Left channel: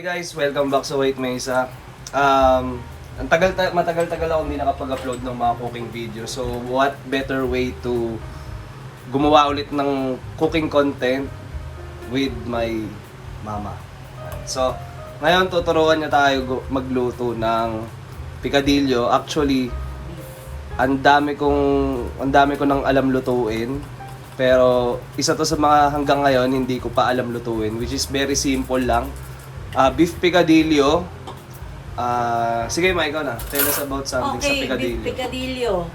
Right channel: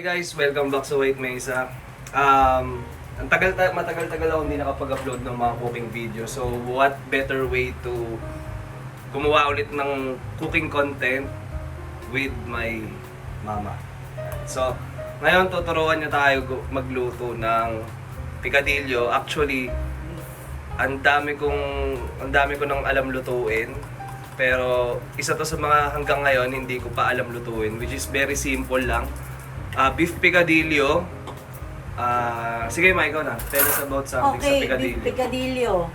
Okay guys, welcome back sa Wait Mesa. Matagal-tagal ako hindi nakapag-upload ng mga cooking video. So what better way to gumawa ulit ng cooking content with my mama. So ngayon tuturuan niya tayo magluto ng picadillo. Actually, ang dami ko nang alam lutuin. Pero isa to sa mga hanggang ngayon hindi ko pa alam lutuin, which is very simple lang. Beef picadillo. Sige, Ma, ikaw na. Tell us about something sa picadillo. Beef picadillo.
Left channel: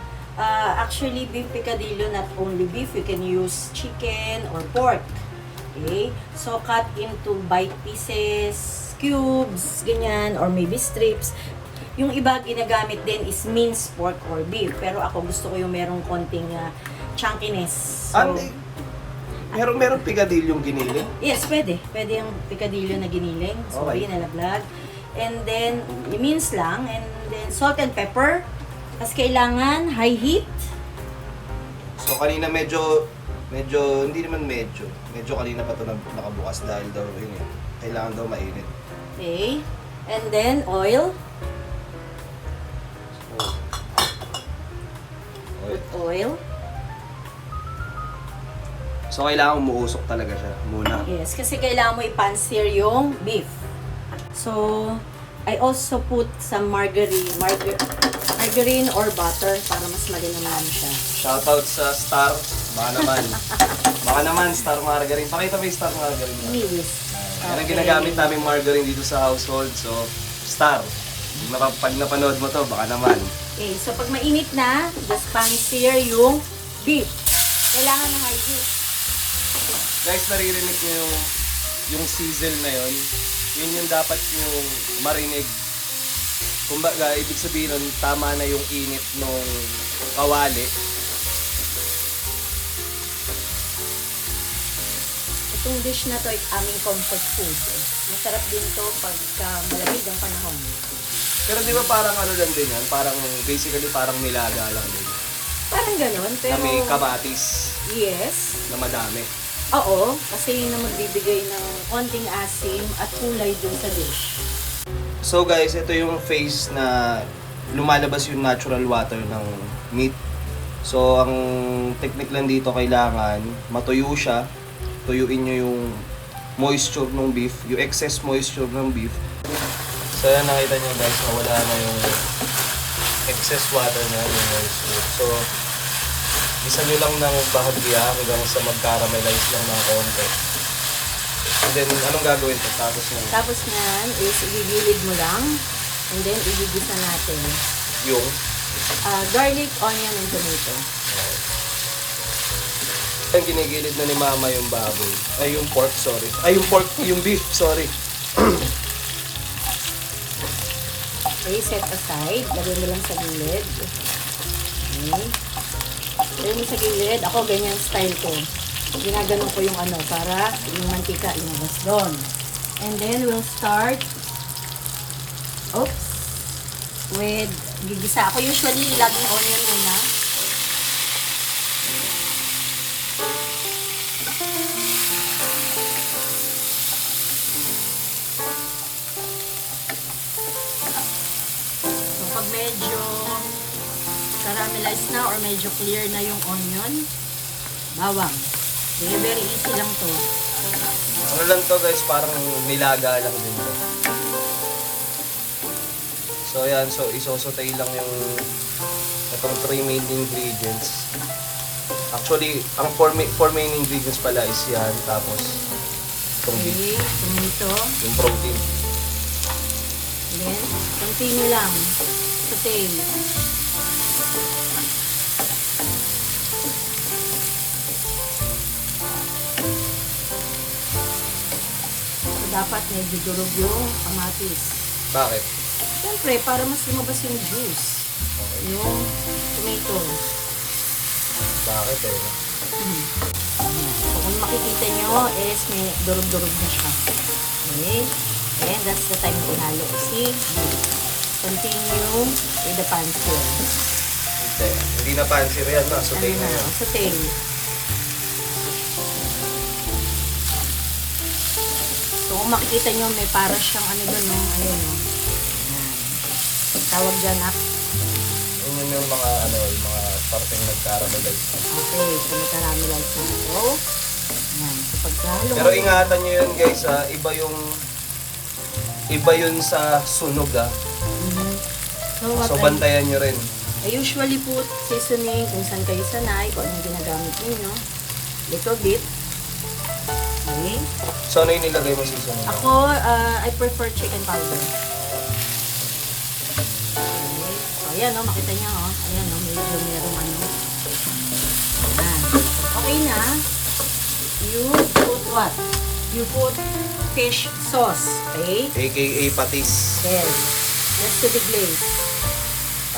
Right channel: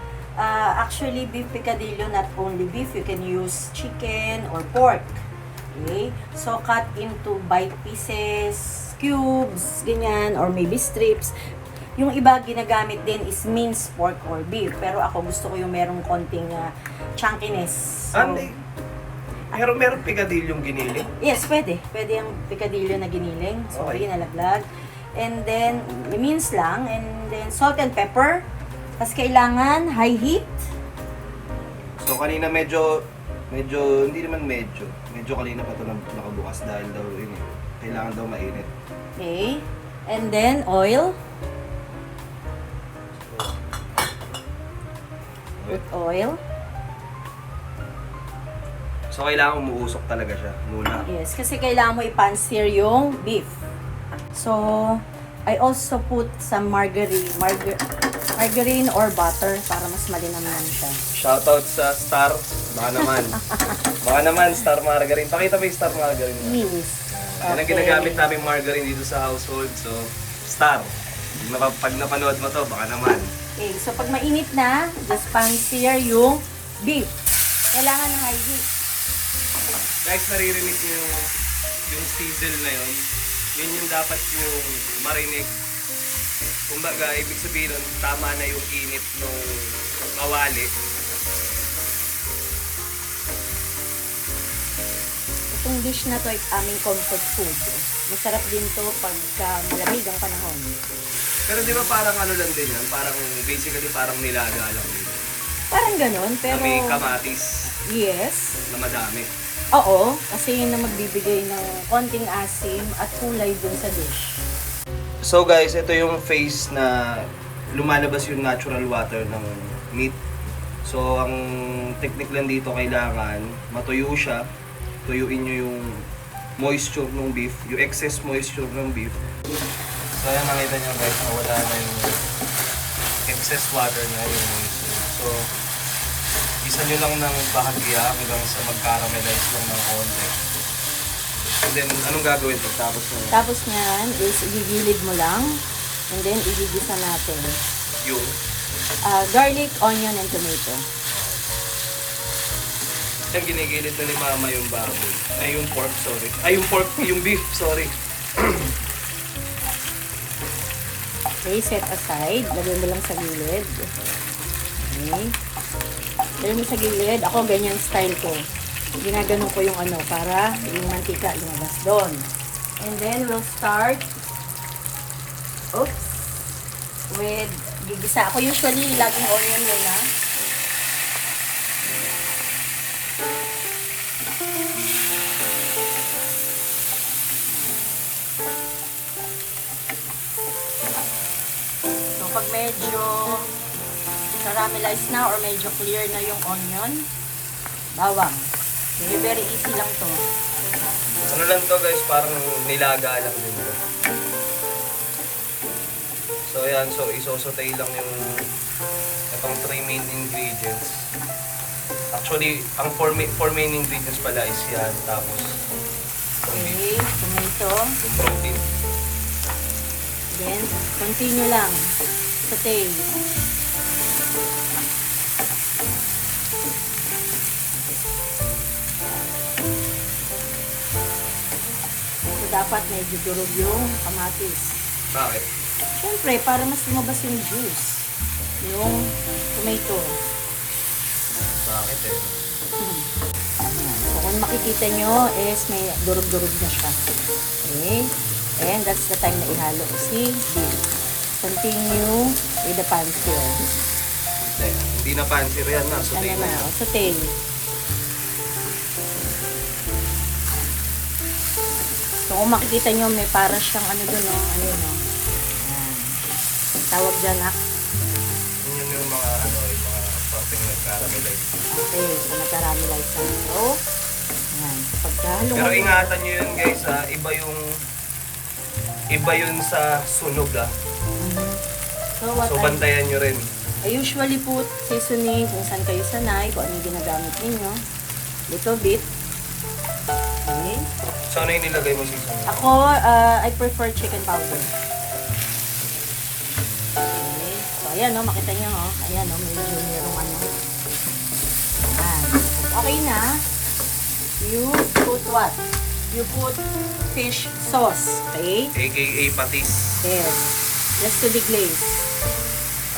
Actually, beef picadillo, not only beef, you can use chicken or pork. Okay? So, cut into bite pieces, cubes, ganyan, or maybe strips. Yung iba ginagamit din is minced pork or beef. Pero ako gusto ko yung merong konting chunkiness. So, meron picadillo yung giniling? yes, pwede. Pwede yung picadillo na giniling. So, Okay. ginalaglag. And then, mince lang. And then, salt and pepper. Tapos kailangan high heat. So kanina medyo, hindi naman medyo kanina pa ito nakabukas dahil daw yun, kailangan daw mainit. Okay. And then, oil. Put oil. So kailangan umuusok talaga siya muna. Yes, kasi kailangan mo i-pan-sear yung beef. So, I also put some margarine or butter para mas malinamnam siya. Shoutout sa Star. Baka naman Star Margarine. Pakita mo yung Star Margarine. Yes. Yan ang ginagamit namin margarine dito sa household. So, Star. Pag napanood mo to, baka naman. Okay, so pag mainit na, just pan-sear yung beef. Kailangan ng high heat. Guys, naririnig niyo yung sizzle na yun. Yun yung dapat yung marinig. Kumbaga, ibig sabihin nun, tama na yung init ng kawali. Itong dish na to ay aming comfort food. Masarap din to pag malamig ang panahon. Pero di ba parang ano lang din yan? Parang, basically parang nilaga lang yun. Parang ganun, pero... Na may kamatis Yes. na madami. Oo, kasi yun ang magbibigay ng konting asim at kulay dun sa dish. So guys, ito yung phase na lumalabas yung natural water ng meat. So ang technique lang dito, kailangan matuyo siya. Tuyuin nyo yung moisture ng beef, yung excess moisture ng beef. So yan, nakita nyo guys, wala na yung excess water na yung moisture. So isa nyo lang ng bahagya hanggang sa mag-caramelize lang ng konti. And then, anong gagawin to? Tapos na yan is igigilid mo lang. And then igigisa natin. Yung? Garlic, onion, and tomato. Yung ginigilid na ni Mama yung baboy. Ay, yung pork, sorry. Ay, yung beef, sorry. Okay, set aside. Lagyan mo lang sa gilid. Okay. Lagyan mo sa gilid. Ako, ganyan style ko. Ginagano ko yung ano, para yung mantika ilabas doon. And then, we'll start with gigisa. Ako usually, laging onion muna. So, pag medyo caramelize na or medyo clear na yung onion, bawang. Very easy lang to. Ano lang to guys, parang nilaga lang din to. So ayan, so isosotay lang yung itong 3 main ingredients. Actually, ang 4 main ingredients pala is yan, tapos itong beef, Okay, ito. yung protein. Then, continue lang. Saute. Dapat medyo durog yung kamatis. Bakit? Siyempre, para mas lumabas yung juice. Yung tomato. Bakit eh? Kung makikita nyo is may durog-durog na siya. Okay? And that's the time na ihalo. See? Continue with the pan sear. Hindi na fancy yan, sauté na yan. Saute. So, Kung makikita nyo, may para siyang ano yun, tawag dyan Yun yung mga yung mga parting nagkaramelize. Okay, nagkaramelize na ito. Ayan, pagkalo. Pero ingatan nyo yun guys, iba yun sa sunog Mhm. So bantayan nyo rin. I usually put seasoning kung saan kayo sanay, kung ano ginagamit ninyo. Little bit. Okay. So ano yung nilagay mo seasoning? Ako, I prefer chicken powder. Okay. So, ayan o, makita nyo o. Ayan o, medyo ano. Ayan. Okay na. You put what? You put fish sauce. Okay? AKA patis. Yes. Just to deglaze.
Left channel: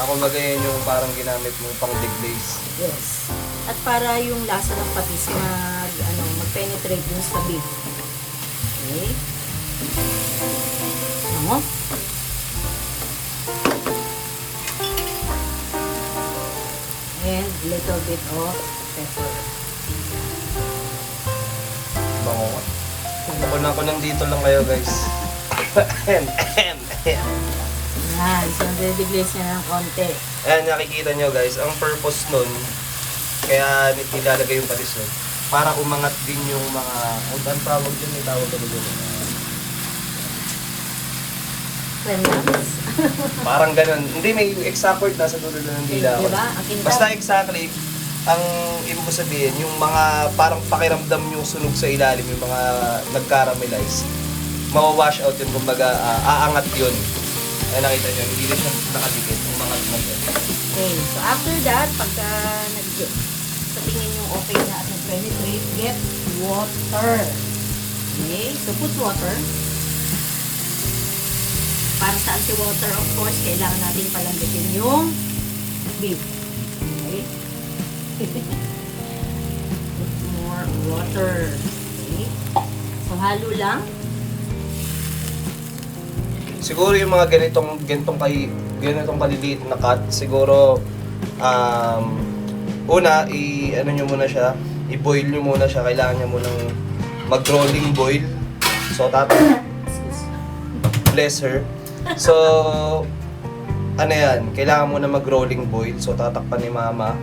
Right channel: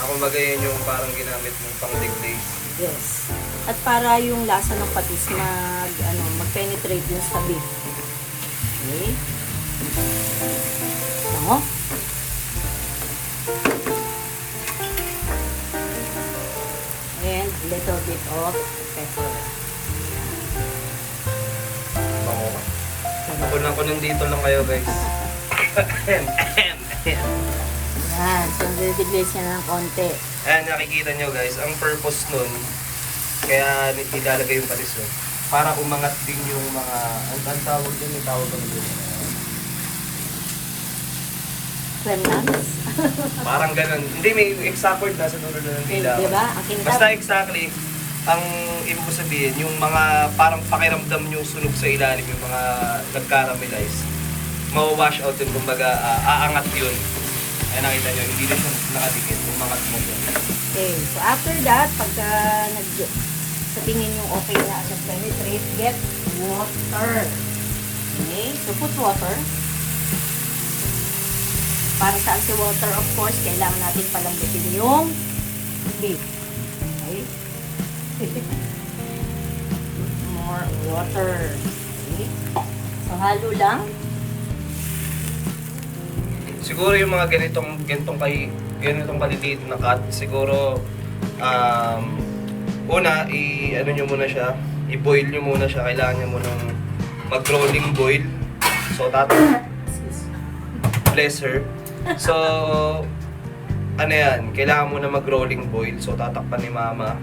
Ako magayon yung parang ginamit mong pang deglaze. Yes. At para yung lasa ng patis mag-penetrate dun sa beef. Okay? Ano? And a little bit of pepper. Bango. Ako nandito lang kayo guys. Yan. So, deglaze na ng konti. Ayan, nakikita nyo guys, ang purpose nun, kaya nilalagay yung patis nun, para umangat din yung mga, ang tawag dun, may tawag kami dun. Remnants. Parang ganun. Hindi, may exact word nasa dulo na ng dila ko. Diba? Basta exactly, ang ibig ko sabihin, yung mga parang pakiramdam yung sunog sa ilalim, yung mga nag-caramelize, mawawash out yun, kumbaga, aangat yun. Ay nakita nyo, hindi rin siya nakadikit, yung mga tumog. Okay. So, after that, pagka sa tingin yung okay na sa penetrate, get water. Okay? So, put water. Para sa anti-water, of course, kailangan natin palamigin yung beef. Okay? More water. Okay? So, halo lang. Siguro yung mga ganitong kaliliit na cut, siguro una ano nyo muna siya, i-boil nyo muna siya, kailangan nyo munang mag-rolling boil. So bless her. So ano yan, kailangan muna mag-rolling boil. So tatakpan ni mama.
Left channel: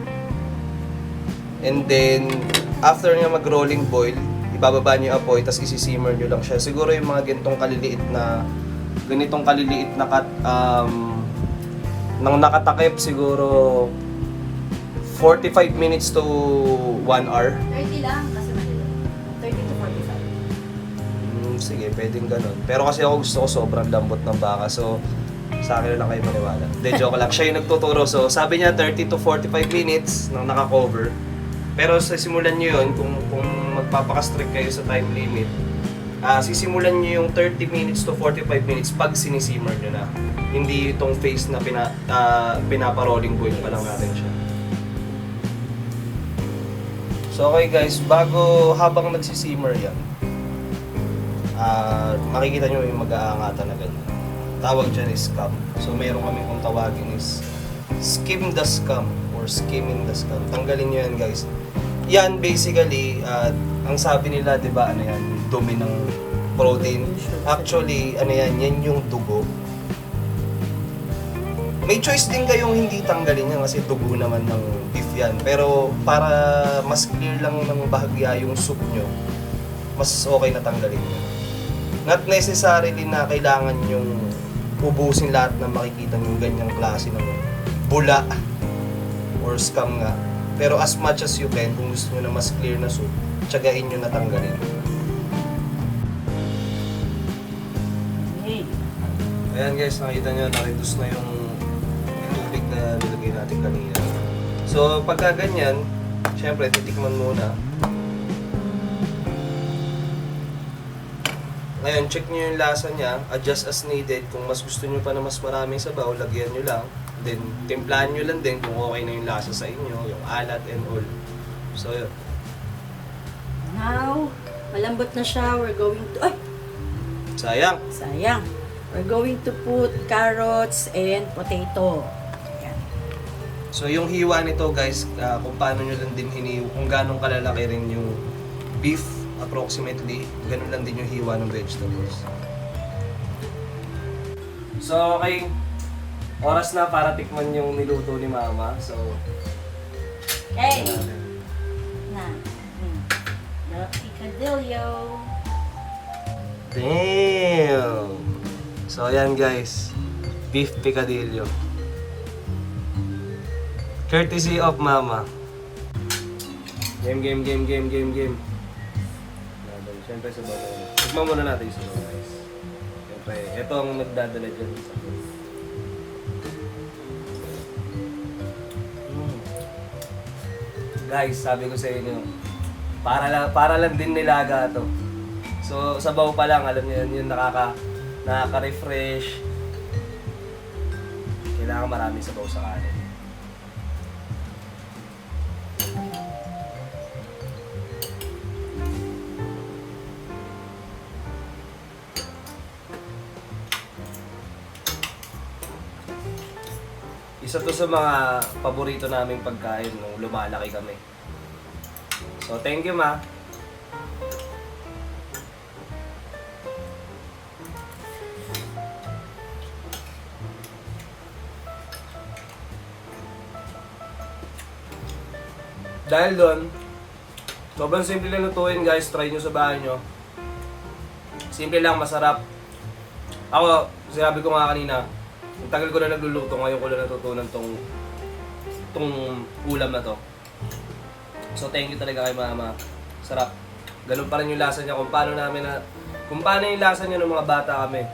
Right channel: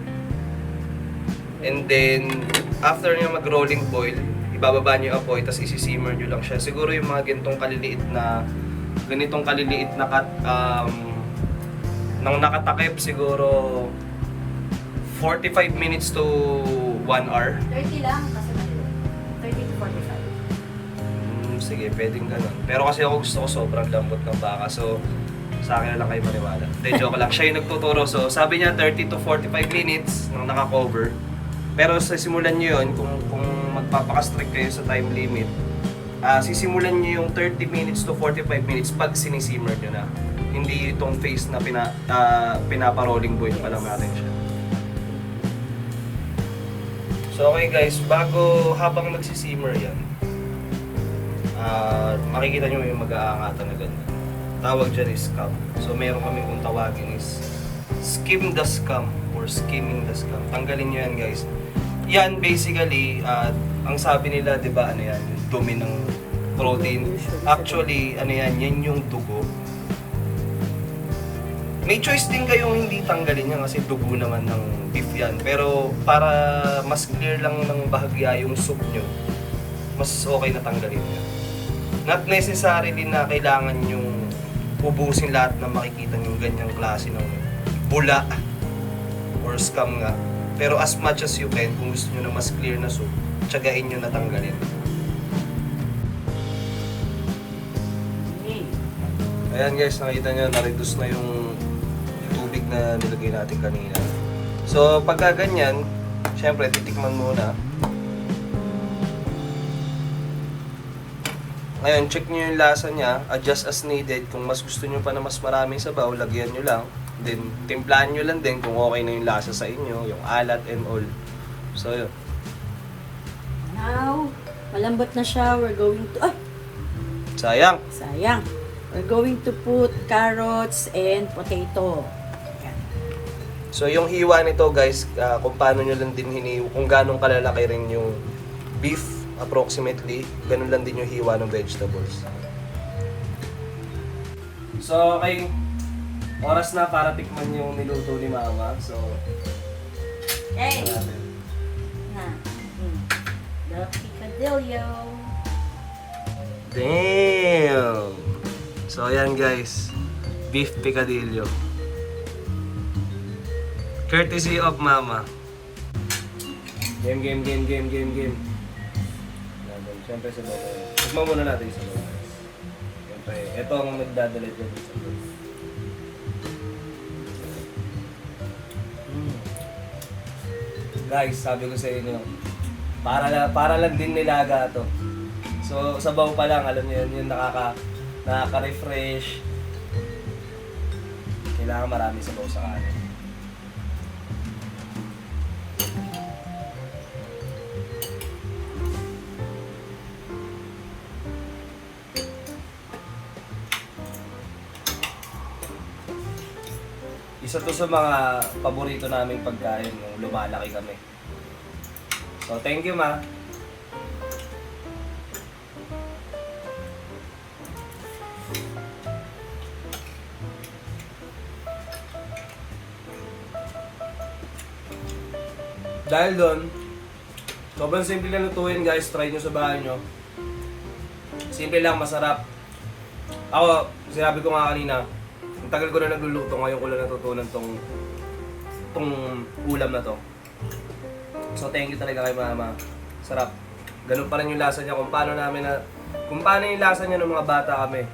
And then after nyo mag-rolling boil, ibababa nyo yung apoy, tapos isi-simmer nyo lang siya. Siguro yung mga ganitong kaliliit na cut, nang nakatakip siguro 45 minutes to 1 hour. 30 lang, kasi 30 to 45. Sige, pwedeng ganun. Pero kasi ako gusto ko sobrang lambot ng baka, so sa akin na lang kayo maniwala. Hindi, joke lang. Siya yung nagtuturo. So sabi niya 30 to 45 minutes nang naka-cover. Pero sa simulan nyo yun, kung magpapaka-strict kayo sa time limit, sisimulan nyo yung 30 minutes to 45 minutes pag sinisimmer nyo na. Hindi itong phase na pinapa-rolling boil pa lang natin siya. So okay guys, habang nagsisimmer yan, makikita nyo yung mag-aangatan na ganyan. Tawag dyan is scum. So meron kami kung tawagin is skim the scum or skimming the scum. Tanggalin nyo yan guys. Yan basically, ang sabi nila, di ba, ano yan, dumi ng protein. Actually, ano yan yung dugo. May choice din kayong hindi tanggalin yan kasi dugo naman ng beef yan. Pero para mas clear lang ng bahagya yung soup nyo, mas okay na tanggalin yan. Not necessarily na kailangan yung ubusin lahat na makikita yung ganyang klase ng bula or scum nga. Pero as much as you can, kung gusto nyo na mas clear na soup, tsagain nyo na tanggalin. Ayan guys, nakita nyo, na-reduce na yung tubig na nilagay natin kanina. So pagka ganyan, syempre titikman muna. Ngayon, check nyo yung lasa niya, adjust as needed. Kung mas gusto nyo pa na mas maraming sabaw, lagyan nyo lang. Then, timplahan nyo lang din kung okay na yung lasa sa inyo, yung alat and all. So, yun. Now, malambot na siya. We're going to... Ay! Sayang! Sayang. We're going to put carrots and potato. Ayan. So, yung hiwa nito guys, kung paano nyo lang din hiniwa, kung ganong kalalaki rin yung beef approximately, ganun lang din yung hiwa ng vegetables. So, okay. Oras na para tikman yung niluto ni Mama. So, Hey! tingnan natin. Na. The picadillo. Damn! So, ayan guys. Beef picadillo. Courtesy of Mama. Game. Siyempre sa bago. Tignan muna natin sa bago. Siyempre, ito ang nagdadala dyan sa bago. Guys, sabi ko sa inyo, para lang din nilaga to. So, sabaw pa lang, alam niyo yun, yung nakaka-refresh. Kailangan marami sabaw sa kanin. Isa to sa mga paborito naming pagkain nung lumalaki kami. So, thank you, Ma. Dahil doon, sobrang simple na lutuin guys, try nyo sa bahay nyo. Simple lang, masarap. Ako, sinabi ko nga kanina, ang tagal ko na nagluluto, ngayon ko lang natutunan tong ulam na to. So thank you talaga kay Mama. Sarap. Ganun pa rin yung lasa niya kung paano yung lasa niya ng mga bata kami.